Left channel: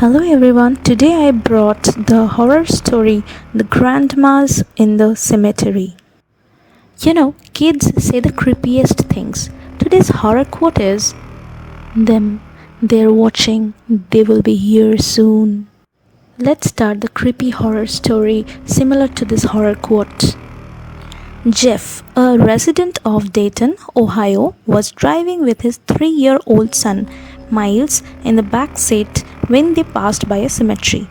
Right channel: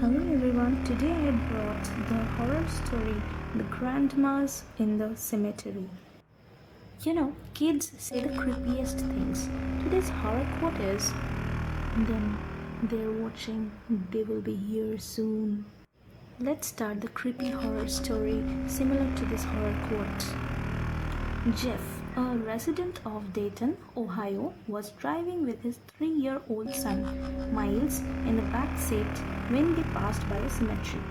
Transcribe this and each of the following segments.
Hello everyone, today I brought the horror story The Grandmas in the Cemetery. Kids say the creepiest things. Today's horror quote is them, they're watching, they will be here soon. Let's start the creepy horror story similar to this horror quote. Jeff, a resident of Dayton, Ohio, was driving with his 3-year-old son, Miles, in the back seat when they passed by a cemetery.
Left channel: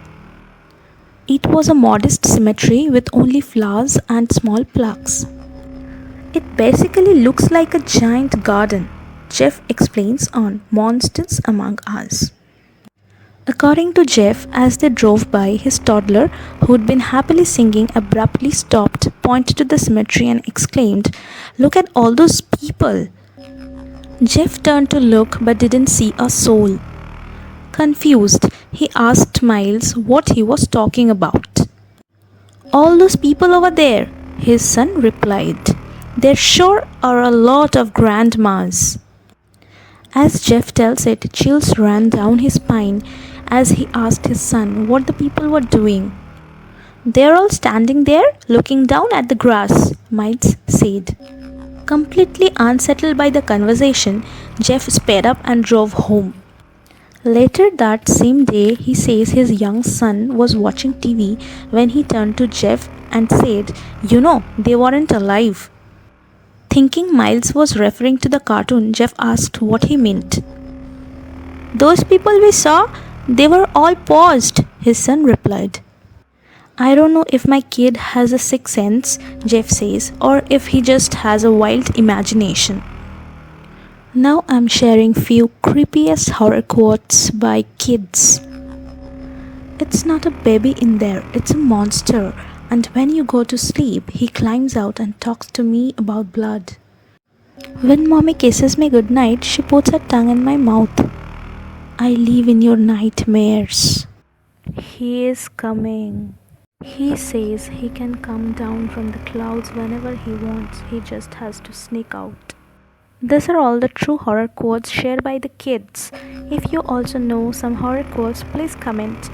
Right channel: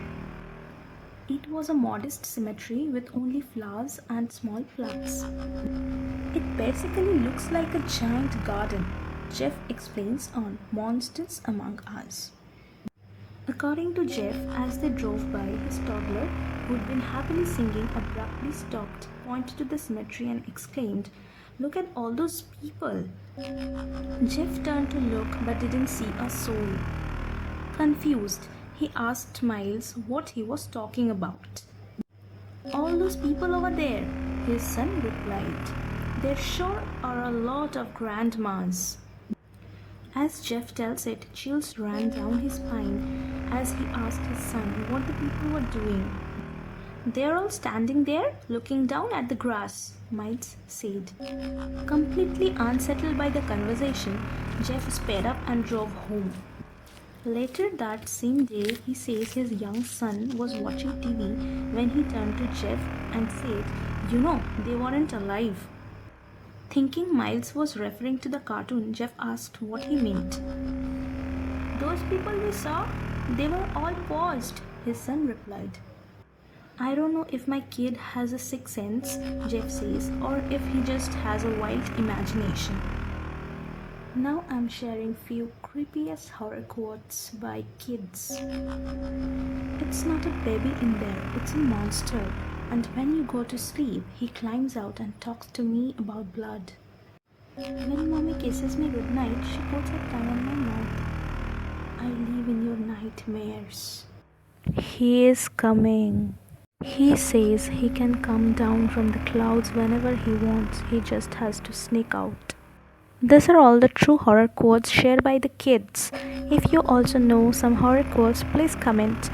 It was a modest cemetery with only flowers and small plaques. It basically looks like a giant garden, Jeff explains on Monsters Among Us. According to Jeff, as they drove by, his toddler, who'd been happily singing, abruptly stopped, pointed to the cemetery, and exclaimed, "Look at all those people!" Jeff turned to look but didn't see a soul. Confused, he asked Miles what he was talking about. "All those people over there," his son replied. "There sure are a lot of grandmas." As Jeff tells it, chills ran down his spine as he asked his son what the people were doing. "They're all standing there, looking down at the grass," Miles said. Completely unsettled by the conversation, Jeff sped up and drove home. Later that same day, he says his young son was watching TV when he turned to Jeff and said, they weren't alive." Thinking Miles was referring to the cartoon, Jeff asked what he meant. "Those people we saw, they were all paused," his son replied. "I don't know if my kid has a sixth sense," Jeff says, "or if he just has a wild imagination." Now I'm sharing few creepiest horror quotes by kids. "It's not a baby in there, it's a monster. And when you go to sleep, he climbs out and talks to me about blood. When mommy kisses me goodnight, she puts her tongue in my mouth. I live in your nightmares. He is coming. He says he can come down from the clouds whenever he wants. He just has to sneak out." These are all the true horror quotes shared by the kids. If you also know some horror quotes, please comment.